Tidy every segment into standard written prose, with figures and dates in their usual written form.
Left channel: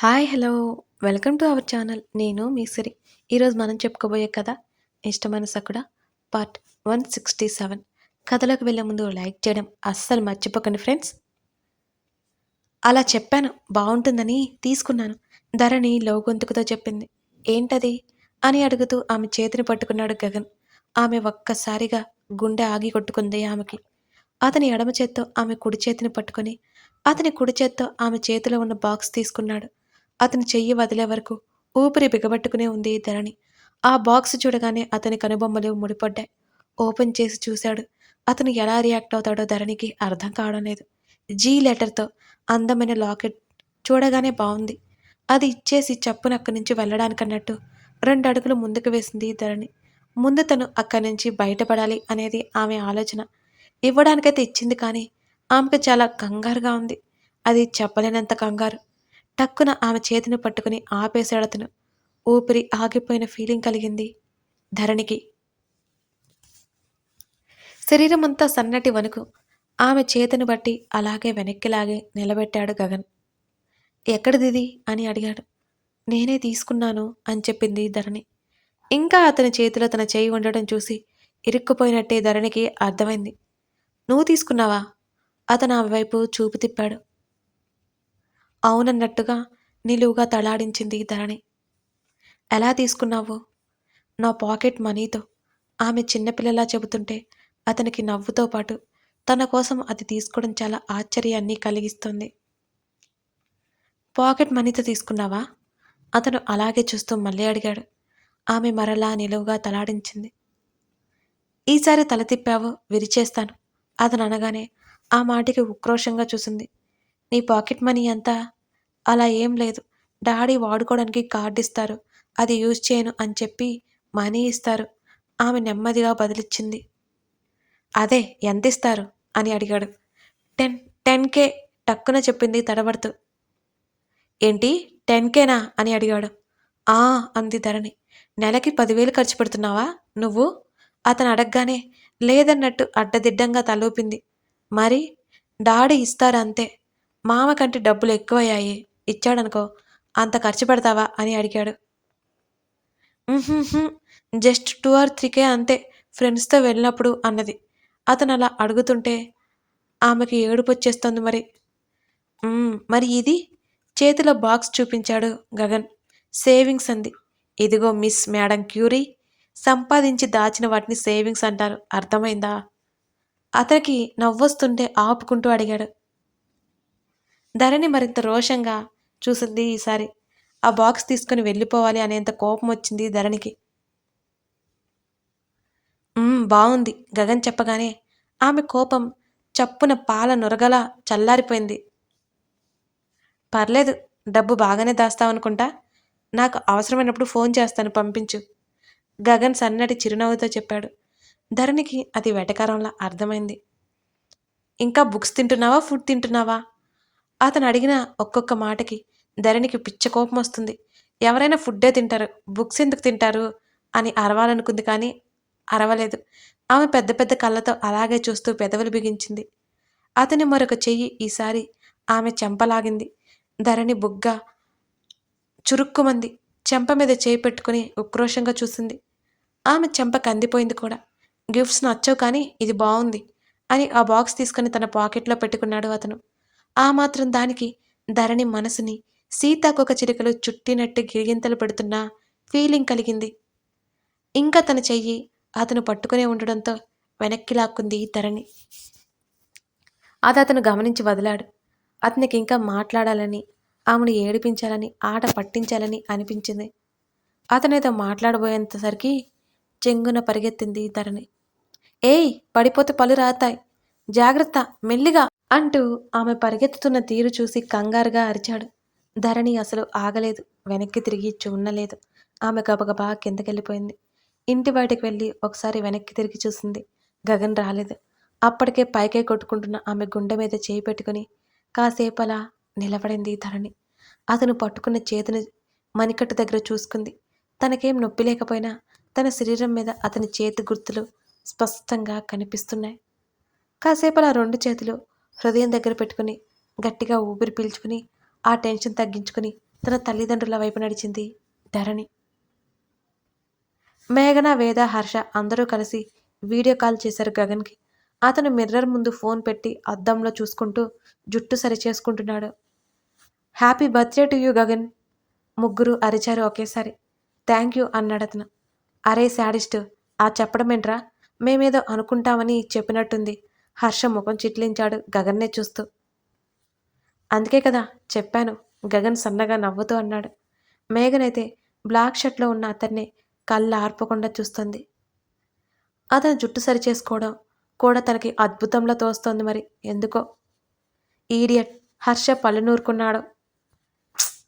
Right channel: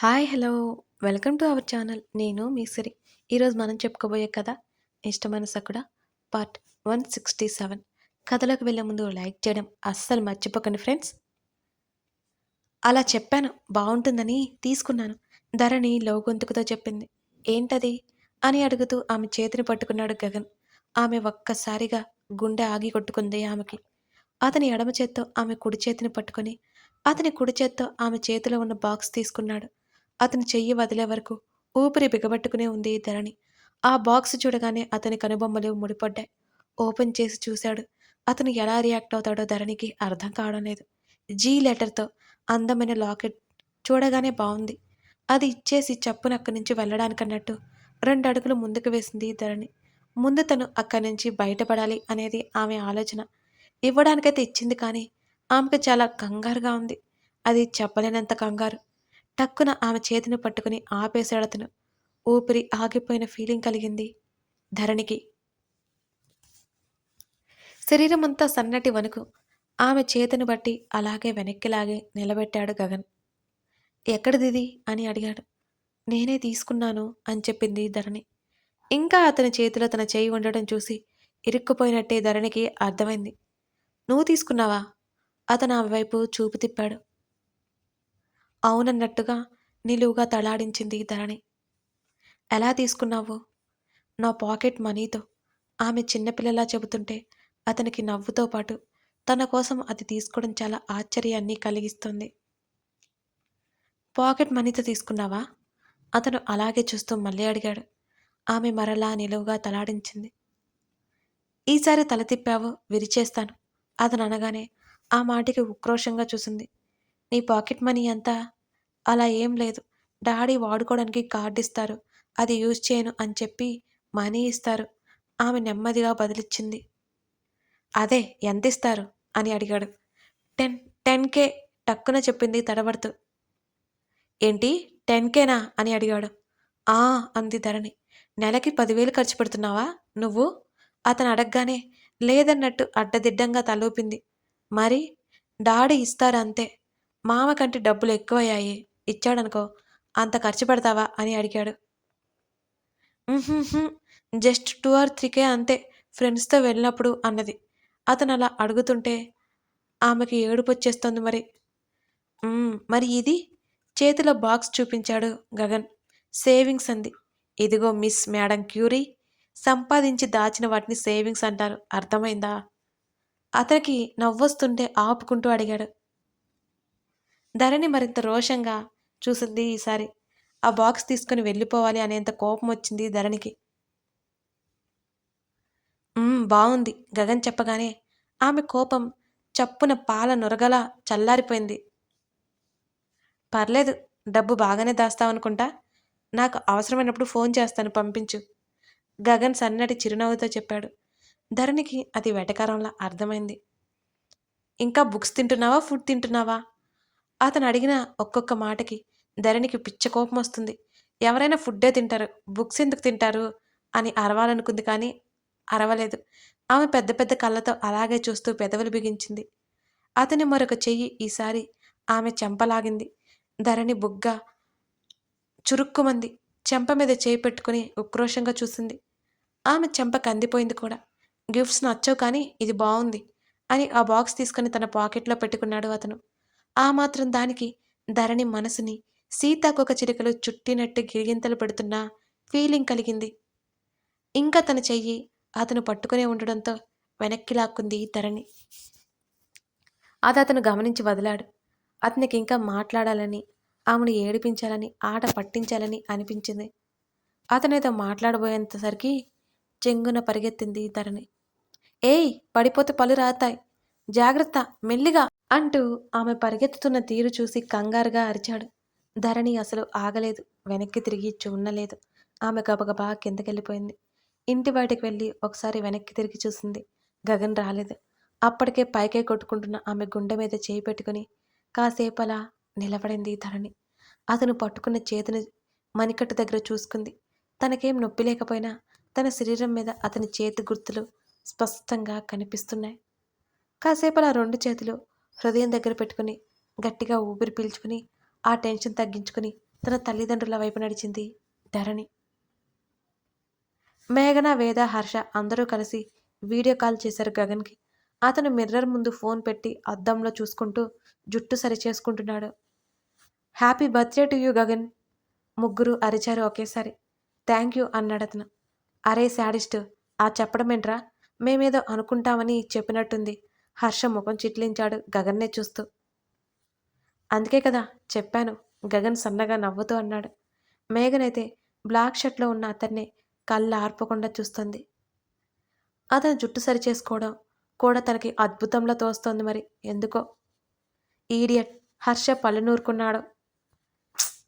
Hi hello welcome to our channel. నేను మీ సిరి. ఈరోజు మనం చెప్పుకోబోయే కథ ఇష్టమైన సకుడ పార్ట్ 167. కథలోకి వెళ్ళే ముందు లైక్ చేయడం అస్సలు మర్చిపోకండి ఫ్రెండ్స్. అలా చెప్పాను బాగుంటుందని తీసుకున్నాను, ధరణి లోగొంతుకుతో చెప్పింది. ఏంటది అని అడుగుతూ ఆమె చేతిని పట్టుకున్నాడు గగన్. ఆమె ఒక్కసారిగా గుండె ఆగి కొట్టుకుంది ఆమెకి. అతని ఎడమ చేత్తో ఆమె కుడి చేతిని పట్టుకొని అతని కుడి చేత్తో ఆమె చేతిలో ఉన్న బాక్స్ తీసుకున్నాడు. అతని చెయ్యి వదిలే వరకు ఊపిరి బిగబట్టుకునే ఉంది ధరణి. ఆ బాక్స్ చూడగానే అతని కనుబొమ్మలు ముడిపడ్డాయి. ఓపెన్ చేసి చూశాడు. అతను ఎలా రియాక్ట్ అవుతాడో ధరణికి అర్థం కావడం లేదు. జీ లెటర్తో అందమైన లాకెట్ చూడగానే బాగుంది. అది ఇచ్చేసి చప్పున అక్కడి నుంచి వెళ్ళడానికన్నట్టు 2 అడుగులు ముందుకు వేసింది ధరణి. ముందు తను అక్కడి నుంచి బయటపడాలి అనేది ఆమె ఆలోచన. ఇవ్వడానికైతే ఇచ్చింది, కానీ ఆమెకు చాలా కంగారుగా ఉంది. అది చెప్పలేనంత కంగారు. టక్కున ఆమె చేతిని పట్టుకుని ఆపేశాడతను. ఊపిరి ఆగిపోయిన ఫీలింగ్ కలిగింది ధరణికి. శరీరమంతా సన్నటి వణుకు. ఆమె చేతిని బట్టి అలాగే వెనక్కి లాగి నిలబెట్టాడు గగన్. ఎక్కడిదిది అని అడిగాడు. నేనే తీసుకున్నాను అని చెప్పింది ధరణి. ఇంకా అతని చేతిలో తన చేయి ఉండడం చూసి ఇరుక్కుపోయినట్టే ధరణికి అర్థమైంది. నువ్వు తీసుకున్నావా? అతను ఆమె వైపు చూపు తిప్పాడు. అవునన్నట్టుగా నిలువుగా తలాడించింది ధరణి. ఎలా తీసుకున్నావు? నా పాకెట్ మనీతో. ఆమె చిన్నపిల్లలా చెబుతుంటే అతనికి నవ్వుతో పాటు తన కోసం అది తీసుకోవడం చాలా ఆశ్చర్యాన్ని కలిగిస్తుంది. పాకెట్ మనీతో తీసుకున్నావా? అతను అలాగే చూస్తూ మళ్ళీ అడిగాడు. ఆమె మరలా నిలువుగా తలాడించింది. ఈసారి తల తిప్పావు విరిచేస్తాను అతను అనగానే ఆ మాటికి ఉక్రోషంగా చూసింది. నీ పాకెట్ మనీ అంతా? అలా ఏం లేదు. డాడీ వాడుకోవడానికి కార్డు ఇస్తారు, అది యూజ్ చేయను అని చెప్పి మనీ ఇస్తారు. ఆమె నెమ్మదిగా బదిలిచ్చింది. అదే ఎంతిస్తారు అని అడిగాడు. 10 10K టక్కున చెప్పింది తడబడుతూ. ఏంటి 10Kనా అని అడిగాడు. ఆ అంది ధరణి. నెలకి 10,000 ఖర్చు పెడుతున్నావా నువ్వు? అతను అడగగానే లేదన్నట్టు అడ్డదిడ్డంగా తలూపింది. మరి డాడీ ఇస్తారంతే. మామ కంటే డబ్బులు ఎక్కువయ్యాయి, ఇచ్చాడనుకో అంత ఖర్చు పెడతావా అని అడిగాడు. "ఉహుహు, జస్ట్ 2 ఆర్ 3K అంతే, ఫ్రెండ్స్‌తో వెళ్ళినప్పుడు" అన్నది. అతను అలా అడుగుతుంటే ఆమెకి ఏడుపొచ్చేస్తోంది మరి. మరి ఇది? చేతిలో బాక్స్ చూపించాడు గగన్. సేవింగ్స్ అంది. ఇదిగో మిస్ మేడం క్యూరీ, సంపాదించి దాచిన వాటిని సేవింగ్స్ అంటారు, అర్థమైందా? అతనికి నవ్వొస్తుంటే ఆపుకుంటూ అడిగాడు. ధరణి మరింత రోషంగా చూసింది ఈసారి. ఆ బాక్స్ తీసుకుని వెళ్ళిపోవాలి అనేంత కోపం వచ్చింది ధరణికి. బావుంది గగన్ చెప్పగానే ఆమె కోపం చప్పున పాల నొరగలా చల్లారిపోయింది. పర్లేదు, డబ్బు బాగానే దాస్తావనుకుంటా. నాకు అవసరమైనప్పుడు ఫోన్ చేస్తాను, పంపించు. గగన్ సన్నటి చిరునవ్వుతో చెప్పాడు. ధరణికి అది వెటకారంలా అర్థమైంది. ఇంకా బుక్స్ తింటున్నావా, ఫుడ్ తింటున్నావా? అతను అడిగిన ఒక్కొక్క మాటకి ధరణికి పిచ్చ కోపం వస్తుంది. ఎవరైనా ఫుడ్డే తింటారు, బుక్స్ ఎందుకు తింటారు అని అరవాలనుకుంది, కానీ అరవలేదు. ఆమె పెద్ద పెద్ద కళ్ళతో అలాగే చూస్తూ పెదవులు బిగించింది. అతని మరొక చెయ్యి ఈసారి ఆమె చెంపలాగింది. ధరణి బుగ్గ చురుక్కుమంది. చెంప మీద చేయి పెట్టుకుని ఉక్రోషంగా చూసింది. ఆమె చెంప కందిపోయింది కూడా. గిఫ్ట్స్ నచ్చవు, కానీ ఇది బావుంది అని ఆ బాక్స్ తీసుకుని తన పాకెట్లో పెట్టుకున్నాడు అతను. ఆ మాత్రం దానికి ధరణి మనసుని సీతాకోక చిలుకలు చుట్టినట్టు గిరిగింతలు పెడుతున్న ఫీలింగ్ కలిగింది. ఇంకా తన చెయ్యి అతను పట్టుకునే ఉండడంతో వెనక్కి లాక్కుంది ధరణి. అది అతను గమనించి వదిలాడు. అతనికి ఇంకా మాట్లాడాలని, ఆమెను ఏడిపించాలని, ఆట పట్టించాలని అనిపించింది. అతనేదో మాట్లాడబోయేంతసరికి చెంగున పరిగెత్తింది ధరణి. ఏయ్, పడిపోతే పళ్ళు రాతాయి, జాగ్రత్త, మెల్లిగా అంటూ ఆమె పరిగెత్తుతున్న తీరు చూసి కంగారుగా అరిచాడు. ధరణి అసలు ఆగలేదు, వెనక్కి తిరిగి చూడలేదు. ఆమె గబగబా కిందకెళ్ళిపోయింది. ఇంటి బయటకు వెళ్ళి ఒకసారి వెనక్కి తిరిగి చూసింది. గగన్ రాలేదు. అప్పటికే పైకే కొట్టుకుంటున్న ఆమె గుండె మీద చేయి పెట్టుకుని కాసేపలా నిలబడింది ధరణి. అతను పట్టుకున్న చేతిని మణికట్టు దగ్గర చూసుకుంది. తనకేం నొప్పి లేకపోయినా తన శరీరం మీద అతని చేతి గుర్తులు స్పష్టంగా కనిపిస్తున్నాయి. కాసేపలా 2 చేతులు హృదయం దగ్గర పెట్టుకుని గట్టిగా ఊపిరి పీల్చుకుని ఆ టెన్షన్ తగ్గించుకుని తన తల్లిదండ్రుల వైపు నడిచింది ధరణి. మేఘన, వేద, హర్ష అందరూ కలిసి వీడియో కాల్ చేశారు గగన్కి. అతను మిర్రర్ ముందు ఫోన్ పెట్టి అద్దంలో చూసుకుంటూ జుట్టు సరిచేసుకుంటున్నాడు. Happy birthday to you Gagan. ముగ్గురు అరిచారు ఒకేసారి. థ్యాంక్ యూ అన్నాడతను. అరే శాడిస్టు, ఆ చెప్పడమేంట్రా, మేమేదో అనుకుంటామని చెప్పినట్టుంది. హర్ష ముఖం చిట్లించాడు గగన్నే చూస్తూ. అందుకే కదా చెప్పాను, గగన్ సన్నగా నవ్వుతూ అన్నాడు. మేఘనైతే బ్లాక్ షర్ట్లో ఉన్న అతన్ని కళ్ళు ఆర్పకుండా చూస్తుంది. అతను జుట్టు సరిచేసుకోవడం కూడా తనకి అద్భుతంలా తోస్తోంది మరి ఎందుకో. ఈడియట్, హర్ష పళ్ళు నూరుకున్నాడు.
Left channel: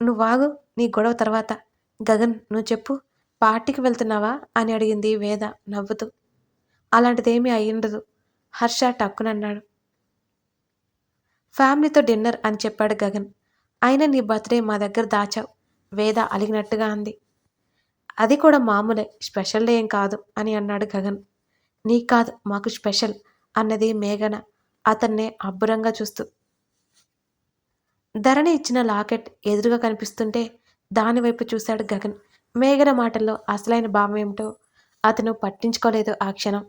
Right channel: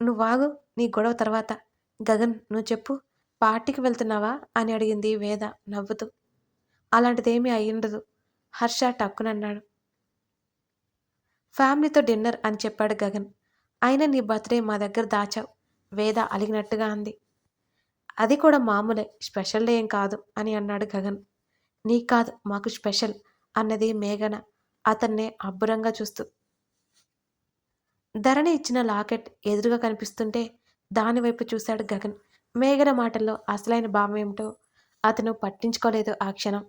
నువ్వాగు, నీ గొడవ తర్వాత. గగన్ నువ్వు చెప్పు, పార్టీకి వెళ్తున్నావా అని అడిగింది వేద నవ్వుతూ. అలాంటిదేమీ అయ్యుండదు, హర్ష టక్కునన్నాడు. ఫ్యామిలీతో డిన్నర్ అని చెప్పాడు గగన్. అయినా నీ బర్త్డే మా దగ్గర దాచావు, వేద అలిగినట్టుగా అంది. అది కూడా మామూలే, స్పెషల్ డే ఏం కాదు అని అన్నాడు గగన్. నీకు కాదు మాకు స్పెషల్ అన్నది మేఘన అతన్నే అబ్బురంగా చూస్తూ. ధరణి ఇచ్చిన లాకెట్ ఎదురుగా కనిపిస్తుంటే దానివైపు చూశాడు గగన్. మేఘన మాటల్లో అసలైన భావం ఏమిటో అతను పట్టించుకోలేదు ఆ క్షణం.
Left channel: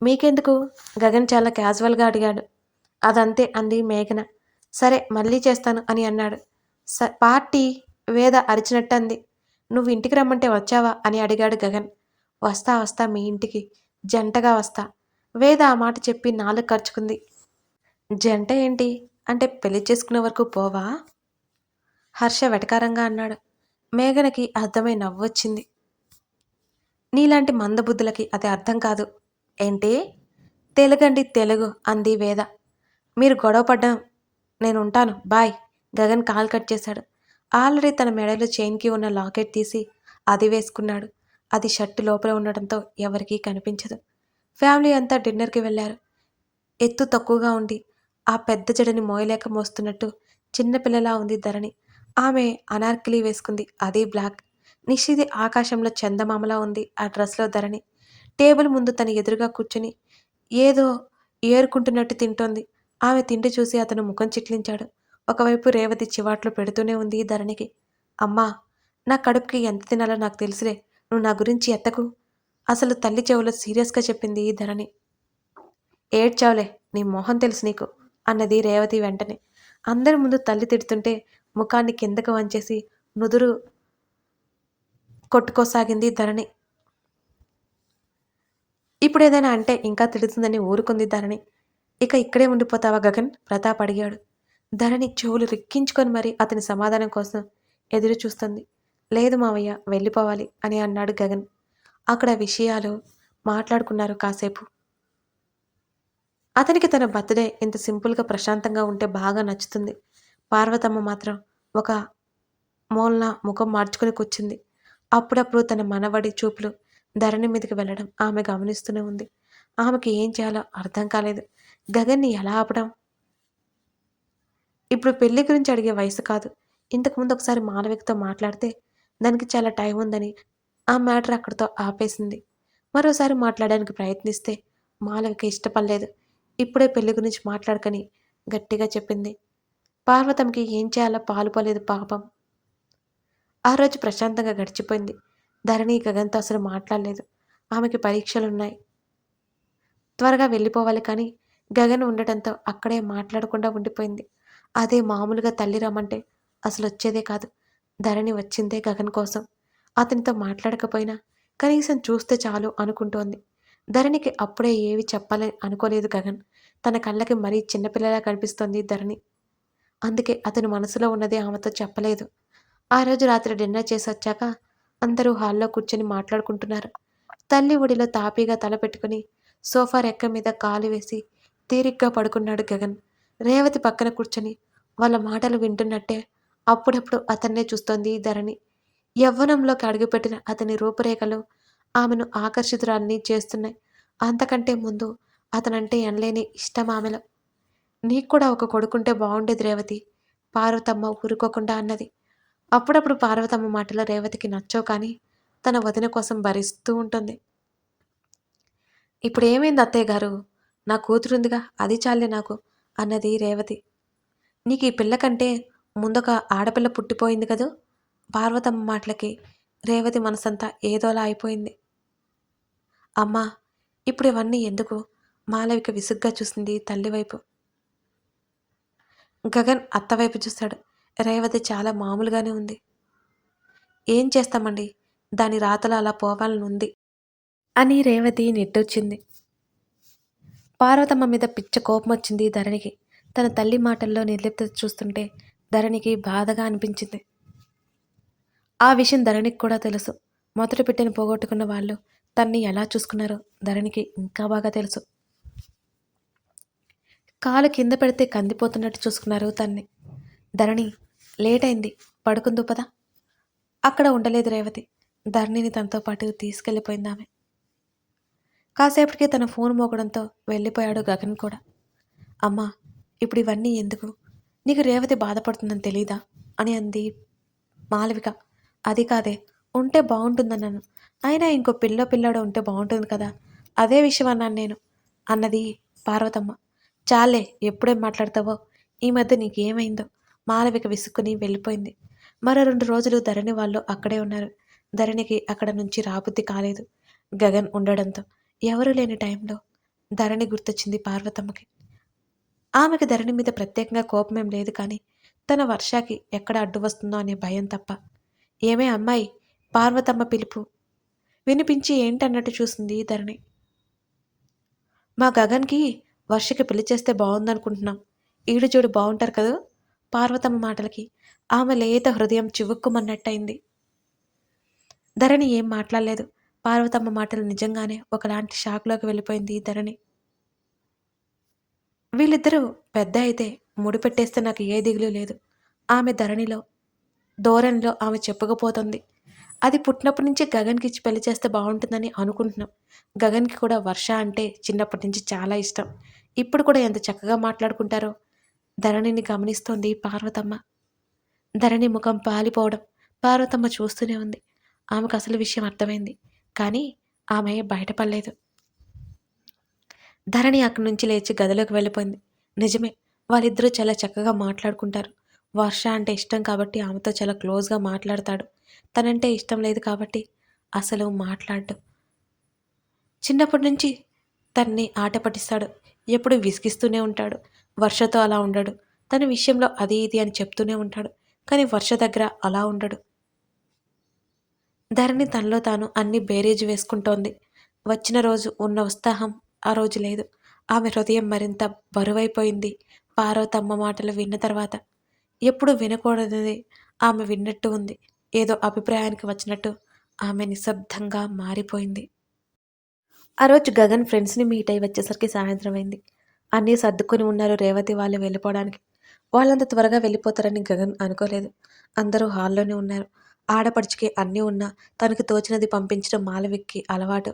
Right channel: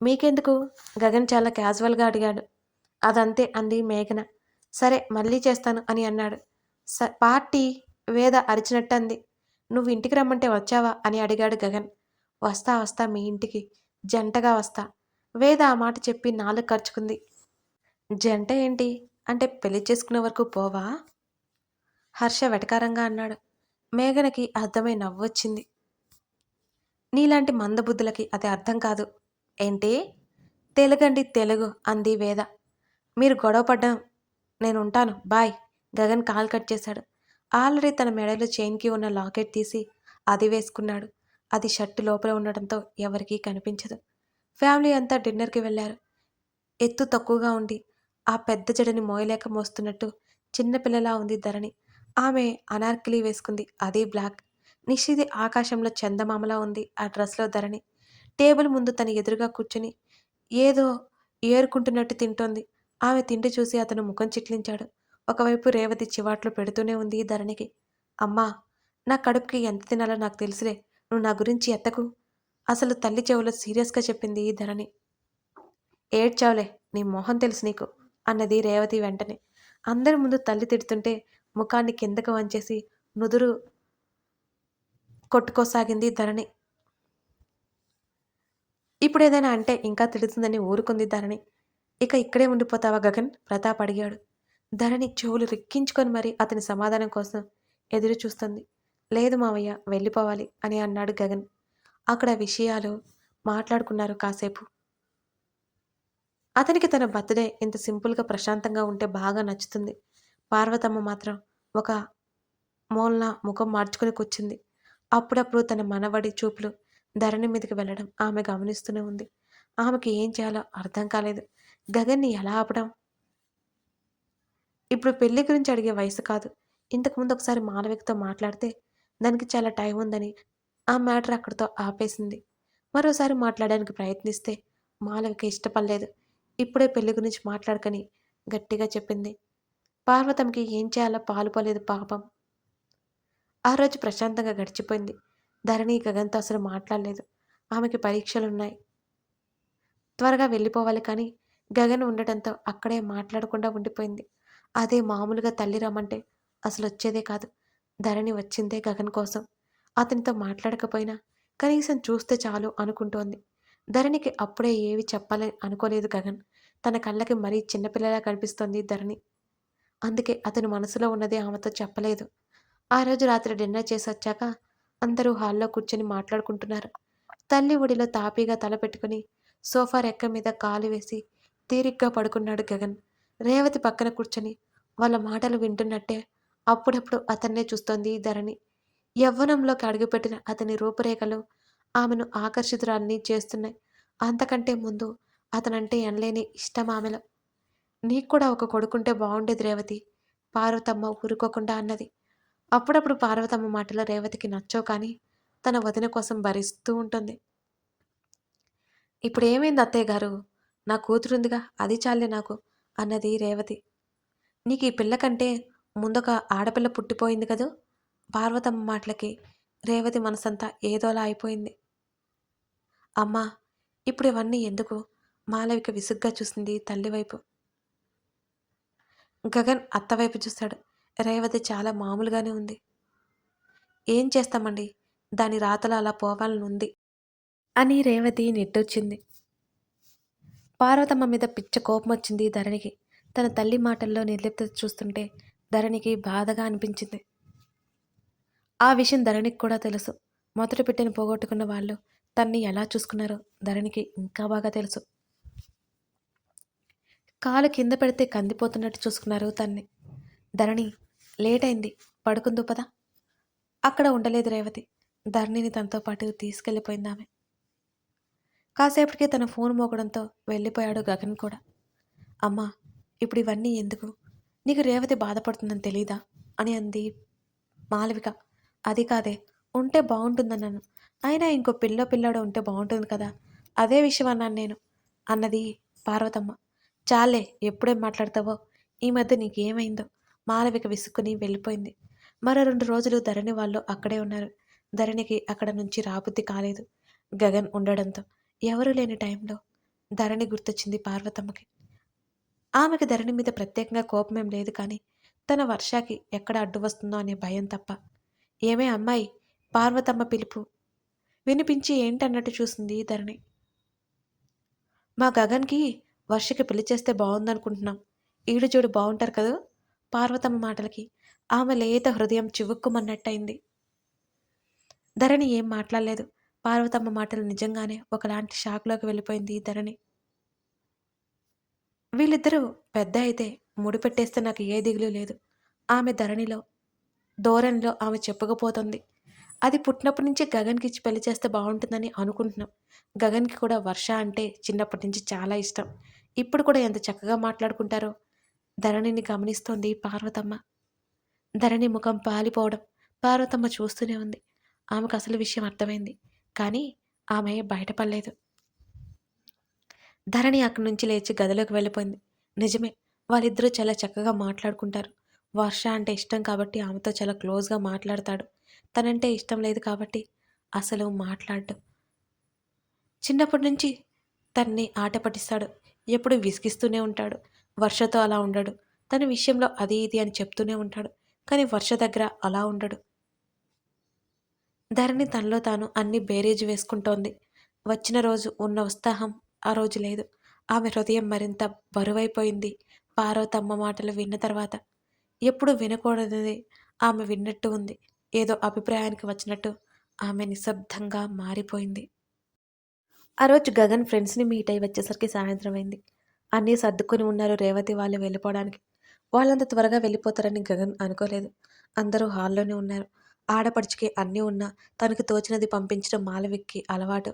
మీకెందుకు, గగన్ చాలా క్యాజువల్గా అడిగాడు. అదంతే అంది మేఘన. సరే మళ్ళీ చేస్తాను అని అన్నాడు. పార్టీ, వేద అరిచినట్టు అంది. నువ్వు ఇంటికి రమ్మంటే వచ్చావా అని అడిగాడు గగన్. వస్తా వస్తా మీ ఇంటికి, జంటగా వస్తా. వేద ఆ మాట చెప్పి నాలుగు ఖర్చుకుంది. జంట ఏంటి అంటే పెళ్లి చేసుకునే వరకు పోవా? హర్ష వెటకారంగా అన్నాడు. మేఘనకి అర్థమై నవ్వొచ్చింది. నీలాంటి మందబుద్ధులకి అది అర్థం కాదు. ఏంటి? తెలుగండి తెలుగు అంది వేద. మీరు గొడవ పడ్డం నేనుంటాను, బాయ్. గగన్ కాల్ కట్ చేశాడు. ఆల్రెడీ తన మెడలో చైన్కి ఉన్న లాకెట్ తీసి అది వేసుకున్నాడు. అది షర్టు లోపల ఉండడంతో ఎవరికీ కనిపించదు. ఫ్యామిలీ అంతా డిన్నర్కి వెళ్ళారు. ఎత్తు తక్కువగా ఉండి ఆ పెద్ద జడని మోయలేక మోస్తున్నట్టు చిన్నపిల్లలా ఉంది ధరణి. ఆమె అనార్కలి వేసుకుంది, అదే బ్లాక్. నిషిది ఆకాశంలో చందమామలా ఉంది ఆ డ్రెస్లో ధరణి. టేబుల్ ముందు తన ఎదురుగా కూర్చుని ఏదో ఏరుకుంటున్నట్టు తింటోంది. ఆమె తిండి చూసి అతను ముఖం చిట్లించాడు. ఒకవైపు రేవతి చివాట్లు పెడుతూనే ఉంది ధరణికి. అమ్మా, నా కడుపుకి ఎంత తినాలో నాకు తెలుసులే, నువ్వు నా గురించి ఎత్తకు. అసలు తల్లి చెవులో సీరియస్గా చెప్పింది ధరణి. ఏడ్చావులే, నీ మొహం తెలుసు నీకు అన్నది రేవతి వెంటనే. అందరి ముందు తల్లి తిడుతుంటే ముఖాన్ని కిందకు వంచేసి నుదురు కొట్టుకోసాగింది ధరణి. ఇప్పుడేదైనా అంటే ఇంకా తిడుతుందని ఊరుకుంది ధరణి. ఇక ఇక్కడే ఉండిపోతావా గగన్? ప్రతాప్ అడిగాడు. ధరణి చెవులు రిక్కించుకొని మరీ అతని సమాధానం కోసం ఎదురు చూస్తుంది. లేదు మావయ్య, వెళ్ళిపోవాలి అని అన్నాడు గగన్. అక్కడ విషయాలు మాట్లాడుకున్నారు కాసేపు. అతనికి తన బర్త్డే ఇంత సింపుల్గా ప్రశాంతంగా ఉంటే బాగా నచ్చుతుంది. పార్వతమ్మ మాత్రం ఒక మూలన ముఖం మార్చుకుని కూర్చుంది. అప్పుడప్పుడు తన మనవడి చూపులు ధరణి మీదకి వెళ్ళడం ఆమె గమనిస్తూనే ఉంది. ఆమెకి ఏం చేయాలో అర్థం కాలేదు. గగన్ని ఎలా ఆపడం? ఇప్పుడు పెళ్లి గురించి అడిగే వయసు కాదు. ఇంతకుముందు ఒకసారి మాలవికతో మాట్లాడితే దానికి చాలా టైం ఉందని ఆ మ్యాటర్ అక్కడితో ఆపేసింది. మరోసారి మాట్లాడడానికి ప్రయత్నిస్తే మాలవిక ఇష్టపడలేదు. ఇప్పుడే పెళ్లి గురించి మాట్లాడకని గట్టిగా చెప్పింది. పార్వతంకి ఏం చేయాలో పాలుపోలేదు పాపం. ఆ రోజు ప్రశాంతంగా గడిచిపోయింది. ధరణి గగన్తో అసలు మాట్లాడలేదు. ఆమెకి పరీక్షలున్నాయి, త్వరగా వెళ్ళిపోవాలి. కానీ గగన్ ఉండటంతో అక్కడే మాట్లాడకుండా ఉండిపోయింది. అదే మామూలుగా తల్లి రమ్మంటే అసలు వచ్చేదే కాదు. ధరణి వచ్చిందే గగన్ కోసం. అతనితో మాట్లాడకపోయినా కనీసం చూస్తే చాలు అనుకుంటోంది. ధరణికి అప్పుడే ఏవి చెప్పాలని అనుకోలేదు గగన్. తన కళ్ళకి మరీ చిన్నపిల్లలా కనిపిస్తోంది ధరణి. అందుకే అతను మనసులో ఉన్నదే ఆమెతో చెప్పలేదు. ఆ రోజు రాత్రి డిన్నర్ చేసి వచ్చాక అందరూ హాల్లో కూర్చొని మాట్లాడుకుంటున్నారు. తల్లి ఒడిలో తాపీగా తల పెట్టుకుని సోఫా రెక్క మీద కాలు వేసి తీరిగ్గా పడుకున్నాడు గగన్. రేవతి పక్కన కూర్చొని వాళ్ళ మాటలు వింటున్నట్టే అప్పుడప్పుడు అతన్నే చూస్తోంది ధరణి. యవ్వనంలోకి అడుగుపెట్టిన అతని రూపురేఖలు ఆమెను ఆకర్షితురాల్ని చేస్తున్నాయి. అంతకంటే ముందు అతనంటే ఎనలేని ఇష్టం ఆమెలో. నీకు కూడా ఒక కొడుకుంటే బాగుండేది రేవతి, పార్వతమ్మ ఊరుకోకుండా అన్నది. అప్పుడప్పుడు పార్వతమ్మ మాటలు రేవతికి నచ్చవు, కానీ తన వదిన కోసం భరిస్తూ ఉంటుంది. ఇప్పుడేమైంది అత్తయ్య గారు, నా కూతురుందిగా, అది చాలే నాకు అన్నది రేవతి. నీకు ఈ పిల్ల కంటే ముందొక ఆడపిల్ల పుట్టిపోయింది కదూ! పార్వతమ్మ మాటలకి రేవతి మనసంతా ఏదోలా అయిపోయింది. అమ్మా! ఇప్పుడు ఇవన్నీ ఎందుకు? మాలవిక విసుగ్గా చూసింది తల్లి వైపు. గగన్ అత్తవైపు చూశాడు. రేవతి చాలా మామూలుగానే ఉంది. ఏం చేస్తామండి? దాని రాతలో అలా పోవాలనుంది అని రేవతి నిట్టూర్చింది. పార్వతమ్మ మీద పిచ్చ కోపమొచ్చింది ధరణికి. తన తల్లి మాటల్లో నిర్లిప్తత చూస్తుంటే ధరణికి బాధగా అనిపించింది. ఆ విషయం ధరణికి కూడా తెలుసు. మొదటి బిడ్డను పోగొట్టుకున్న వాళ్ళు తన్ని ఎలా చూసుకున్నారో ధరణికి ఇంకా బాగా తెలుసు. కాలు కింద పెడితే కందిపోతున్నట్టు చూసుకున్నారు తన్ని. ధరణి లేటైంది, పడుకుందు పద. అక్కడ ఉండలేదు రేవతి. ధరణిని తనతో పాటు తీసుకెళ్ళిపోయిందామె. కాసేపటికి తన ఫోన్ మోగడంతో వెళ్ళిపోయాడు గగన్ కూడా. అమ్మా! ఇప్పుడు ఇవన్నీ ఎందుకు? నీకు రేవతి బాధపడుతుందని తెలీదా? అని అంది మాలవిక. అది కాదే, ఉంటే బావుంటుందన్నాను. అయినా ఇంకో పిల్లాడో ఉంటే బావుంటుంది కదా! అదే విషయం అన్నాను నేను అన్నది పార్వతమ్మ. చాల్లే, ఎప్పుడేం మాట్లాడతావో. ఈ మధ్య నీకేమైందో? మాలవిక విసుక్కుని వెళ్ళిపోయింది. మరో 2 రోజులు ధరణి వాళ్ళు అక్కడే ఉన్నారు. ధరణికి అక్కడ నుంచి రాబుద్ది కాలేదు. గగన్ ఉండడంతో. ఎవరూ లేని టైంలో ధరణి గుర్తొచ్చింది పార్వతమ్మకి. ఆమెకి ధరణి మీద ప్రత్యేకంగా కోపమేం లేదు కానీ, తన వర్షాకి ఎక్కడ అడ్డు వస్తుందో అనే భయం తప్ప. ఏమే అమ్మాయి! పార్వతమ్మ పిలుపు వినిపించి ఏంటన్నట్టు చూసింది ధరణి. మా గగన్‌కి వర్షకి పెళ్లి చేస్తే బావుందనుకుంటున్నాం. ఈడు చూడు బావుంటారు కదూ! పార్వతమ్మ మాటలకి ఆమె లేత హృదయం చివుక్కుమన్నట్టయింది. ధరణి ఏం మాట్లాడలేదు. పార్వతమ్మ మాటలు నిజంగానే ఒకలాంటి షాక్‌లోకి వెళ్ళిపోయింది ధరణి. వీళ్ళిద్దరూ పెద్ద అయితే ముడిపెట్టేస్తే నాకు ఏ దిగులు లేదు. ఆమె ధరణిలో, ధోరణిలో ఆమె చెప్పుకుపోతోంది. అది పుట్టినప్పటి నుంచి గగన్‌కిచ్చి పెళ్లి చేస్తే బావుంటుందని అనుకుంటున్నాం. గగన్‌కి కూడా వర్ష అంటే చిన్నప్పటి నుంచి చాలా ఇష్టం. ఇప్పుడు కూడా ఎంత చక్కగా మాట్లాడుకుంటారో. ధరణిని గమనిస్తోంది పార్వతమ్మ. ధరణి ముఖం పాలిపోవడం పార్వతమ్మ చూస్తూనే ఉంది. ఆమెకు అసలు విషయం అర్థమైంది. కానీ ఆమె బయటపడలేదు. ధరణి అక్కడి నుంచి లేచి గదిలోకి వెళ్ళిపోయింది. నిజమే, వాళ్ళిద్దరూ చాలా చక్కగా మాట్లాడుకుంటారు. వర్ష అంటే ఇష్టం కాబట్టి ఆమెతో చాలా క్లోజ్‌గా మాట్లాడతాడు. తనంటే ఇష్టం లేదు కాబట్టి అసలు మాట్లాడడు. చిన్నప్పటి నుంచి తన్ని ఆట పట్టిస్తాడు. ఎప్పుడూ విసిగిస్తూనే ఉంటాడు. వర్షతో అలా ఉండడు. తన విషయంలో అది ఇది అని చెప్తూనే ఉంటాడు. కానీ వర్ష దగ్గర అలా ఉండడు. ధరణి తనలో తాను అన్ని బేరీజు వేసుకుంటోంది. వచ్చిన రోజు ఉన్న ఉత్సాహం ఆ రోజు లేదు. ఆమె హృదయం మరింత బరువైపోయింది పార్వతమ్మ మాటలు విన్న తర్వాత. ఎప్పుడు వినకూడనిది ఆమె విన్నట్టు ఉంది. ఏదో అభిప్రాయానికి వచ్చినట్టు ఆమె నిశ్శబ్దంగా మారిపోయింది. ఆ రోజు గగన్ ఫ్రెండ్స్‌ని మీట్ అయ్యి వచ్చేసరికి సాయంత్రం అయింది. అన్నీ సర్దుకొని ఉన్నారు రేవతి వాళ్ళు వెళ్ళిపోవడానికి. వాళ్ళంత త్వరగా వెళ్ళిపోతారని గగన్ అనుకోలేదు. అందరూ హాల్లోనే ఉన్నారు. ఆడపడుచుకి అన్నీ ఉన్నా తనకి తోచినది పంపించడం మాలవికకి అలవాటు.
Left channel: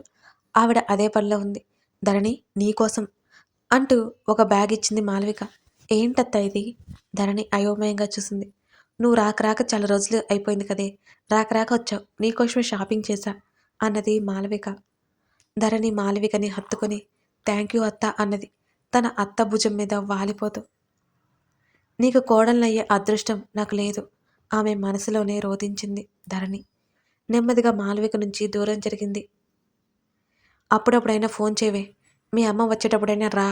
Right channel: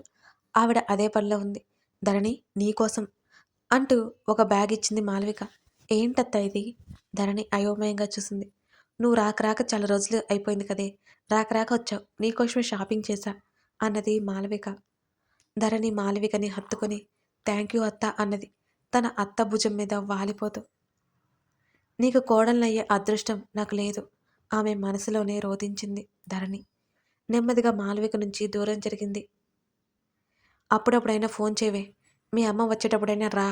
ఆవిడ అదే పనిలో ఉంది. ధరణి నీకోసం అంటూ ఒక బ్యాగ్ ఇచ్చింది మాలవిక. ఏంటత్తా ఇది? ధరణి అయోమయంగా చూసింది. నువ్వు రాక రాక చాలా రోజులు అయిపోయింది కదే! రాక రాక వచ్చావు. నీకోసమే షాపింగ్ చేశా అన్నది మాలవిక. ధరణి మాలవికని హత్తుకొని థ్యాంక్ యూ అత్త అన్నది. తన అత్త భుజం మీద వాలిపోతూ. నీకు కోడలనయ్యే అదృష్టం నాకు లేదు. ఆమె మనసులోనే రోదించింది ధరణి. నెమ్మదిగా మాలవిక నుంచి దూరం జరిగింది. అప్పుడప్పుడైనా ఫోన్ చేయవే. మీ అమ్మ వచ్చేటప్పుడైనా రా.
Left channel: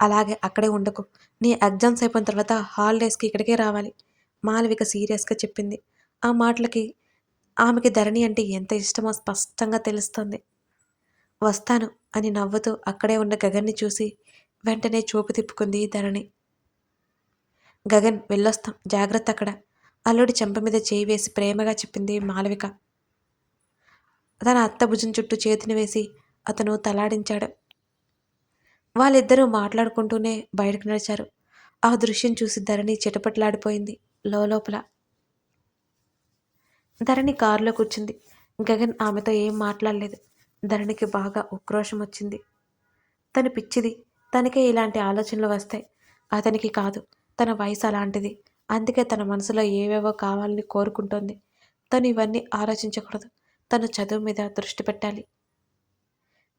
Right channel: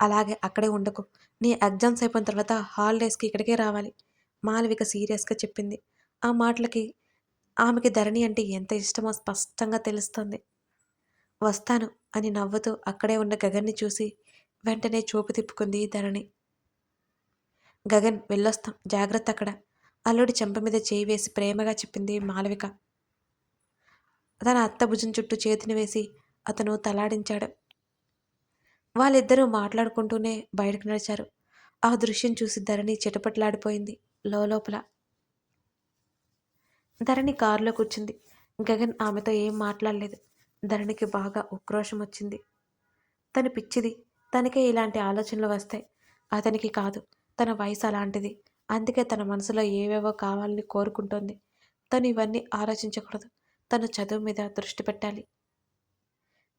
అలాగే అక్కడే ఉండకు. నీ ఎగ్జామ్స్ అయిపోయిన తర్వాత హాలిడేస్‌కి ఇక్కడికే రావాలి. మాలవిక సీరియస్‌గా చెప్పింది. ఆ మాటలకి ఆమెకి ధరణి అంటే ఎంత ఇష్టమో స్పష్టంగా తెలుస్తోంది. వస్తాను అని నవ్వుతూ అక్కడే ఉన్న గగన్‌ని చూసి వెంటనే చూపు తిప్పుకుంది ధరణి. గగన్ వెళ్ళొస్తాం జాగ్రత్త అక్కడ. అల్లుడి చెంప మీద చేయి వేసి ప్రేమగా చెప్పింది మాలవిక. తన అత్త భుజం చుట్టూ చేతిని వేసి అతను తలాడించాడు. వాళ్ళిద్దరూ మాట్లాడుకుంటూనే బయటకు నడిచారు. ఆ దృశ్యం చూసి ధరణి చిటపటలాడిపోయింది లోలోపల. ధరణి కారులో కూర్చుంది. గగన్ ఆమెతో ఏం మాట్లాడలేదు. ధరణికి బాగా ఉక్రోషం వచ్చింది. తను పిచ్చిది. తనకే ఇలాంటి ఆలోచనలు వస్తాయి. అతనికి కాదు. తన వయసు అలాంటిది. అందుకే తన మనసులో ఏవేవో కావాలని కోరుకుంటోంది. తను ఇవన్నీ ఆలోచించకూడదు. తను చదువు మీద దృష్టి పెట్టాలి.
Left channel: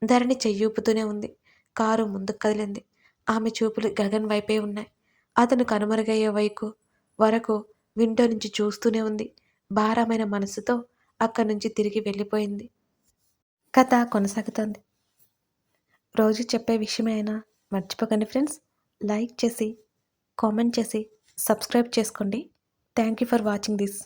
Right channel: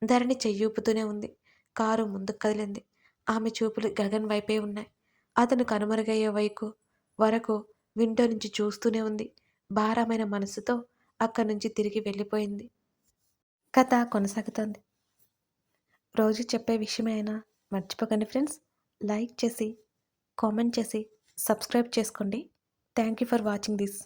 ధరణి చెయ్యూపుతూనే ఉంది. కారు ముందుకు కదిలింది. ఆమె చూపులు గగన్ వైపే ఉన్నాయి. అతను కనుమరుగయ్యే వరకు విండో నుంచి చూస్తూనే ఉంది. భారమైన మనసుతో అక్కడి నుంచి తిరిగి వెళ్ళిపోయింది. కథ కొనసాగుతోంది. రోజు చెప్పే విషయమే అయినా మర్చిపోకండి ఫ్రెండ్స్. లైక్ చేసి, కామెంట్ చేసి, సబ్స్క్రైబ్ చేసుకోండి. Thank you for watching this.